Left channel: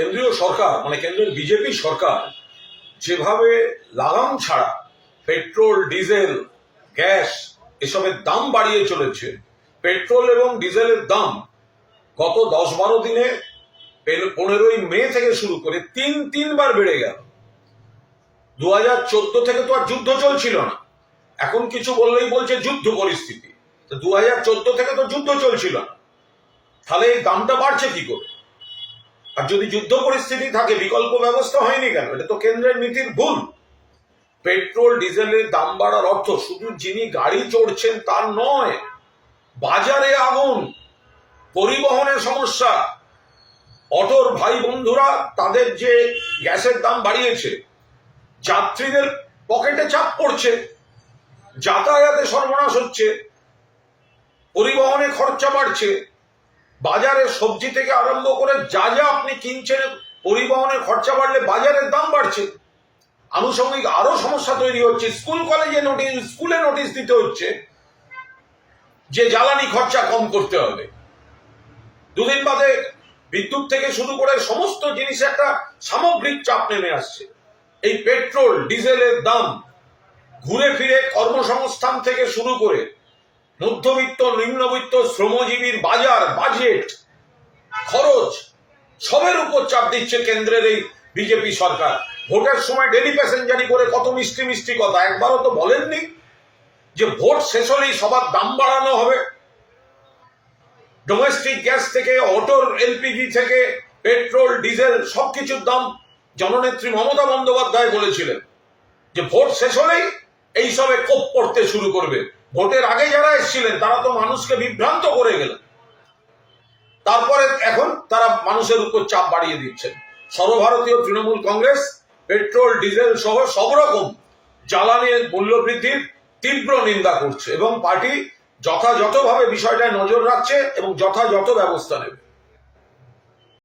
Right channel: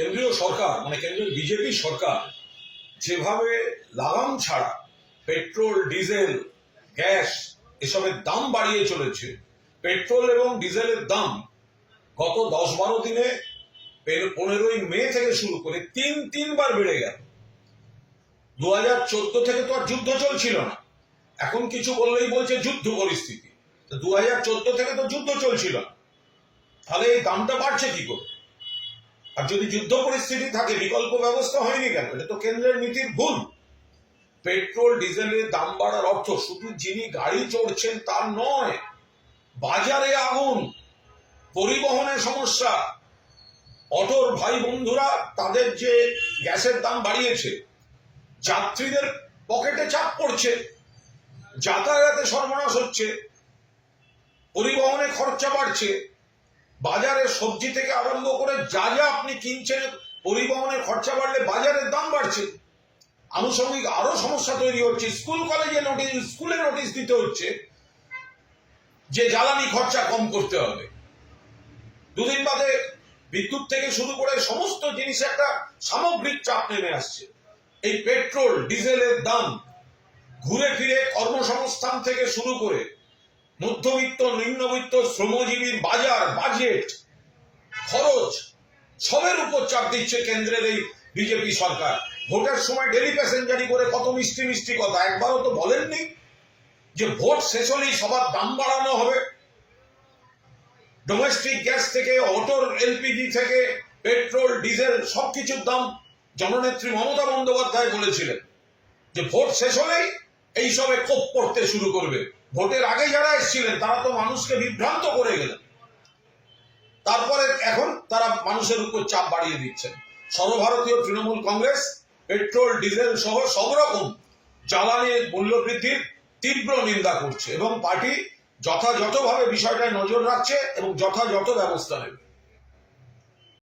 কেন্দ্রীয় সরকার মানে কেন্দ্রের বিজেপি সরকার যেভাবে লাগাম ছাড়া পেট্রোল ডিজেল গ্যাস এসবের দাম বাড়িয়ে চলেছে, পেট্রোল এবং ডিজেলের দাম গত 10-12 দিনে 15ই মে থেকে শুরু করে তিনবার বেড়ে গেল। 2014 থেকে তো আর যুদ্ধ চলছিল না, এখন কিছু বললেই বলছে যুদ্ধ পরিস্থিতি। 2014 থেকে তো যুদ্ধ চলছিল না, তাহলে এই দামটা বাড়ছে কি করে? আর যদি যুদ্ধ পরিস্থিতি থাকে বিকল্প ব্যবস্থা হয়নি কেন? এটা তো কেন্দ্রের নীতির ভুল। পেট্রোল ডিজেলের দাম বাড়ার অর্থ শুধু যিনি গাড়ি চড়ছেন তার নয়, বাজারে আগুন, পরিবহনের সমস্যা, অটোর ভাই বন্ধুরা তাদের যে গ্যাসের দাম বাড়িয়েছে, যাত্রীদের পকেটে চাপ পড়ছে, যাতায়াতে সর্বনাশ হচ্ছে, পরিবহনে খরচা বাড়ছে, বাজারে সবজি থেকে আরম্ভ করে যা যা আপনি কিনছেন, পরিবহনের খরচা বাড়লে বাজারের দাম বাড়ছে। আনুষঙ্গিক আরো সমস্যা তৈরি হচ্ছে। স্কুলে নোটিশ দিতে হচ্ছে যে জ্বালানি খরচা কম করতে হবে। দুদিন বাদে বিদ্যুৎ থেকে শুরু করে সমস্ত জিনিসে একটা সামগ্রিক চাপ নেমে আসছে। এই পেট্রোল ডিজেলের দাম ঘুরে ফিরে কর্মসংস্থান থেকে শুরু করে মধ্যবিত্ত নিম্নবিত্ত শ্রমজীবীর বাজেট খরচ সবের উপর চাপ দিচ্ছে কেন্দ্রের এই বিজেপি সরকার। ভোটের সময় ডেলি প্যাসেঞ্জারি করে কত মিষ্টি মিষ্টি কথা, একবারও তো বলেননি যে ভোট শেষ হলেই সবার দাম বাড়ানো হবে। ডোমেস্টিক গ্যাস থেকে অটোর এলপিজি থেকে পেট্রোল ডিজেল সবকিছুর দাম জননেত্রী মমতা বন্দ্যোপাধ্যায় বলেছিলেন যে ভোট শেষ হলেই এইসবে কোপ পড়তে শুরু করবে। ভোটের আগে যারা এসেছিলেন তারা তো মানুষকে বিভ্রান্ত করে গেলেন, তারপরে এখন তারা মানুষের উপর চাপ বাড়িয়ে দিচ্ছেন। সর্বভারতীয় তৃণমূল কংগ্রেস পেট্রোল ডিজেল সহ সব রকম জ্বালানির মূল্য বৃদ্ধির তীব্র নিন্দা করছে এবং পার্টি যথাযথভাবে বিষয়টায় নজর রাখছে এবং যথাযথ ব্যবস্থা নেবে।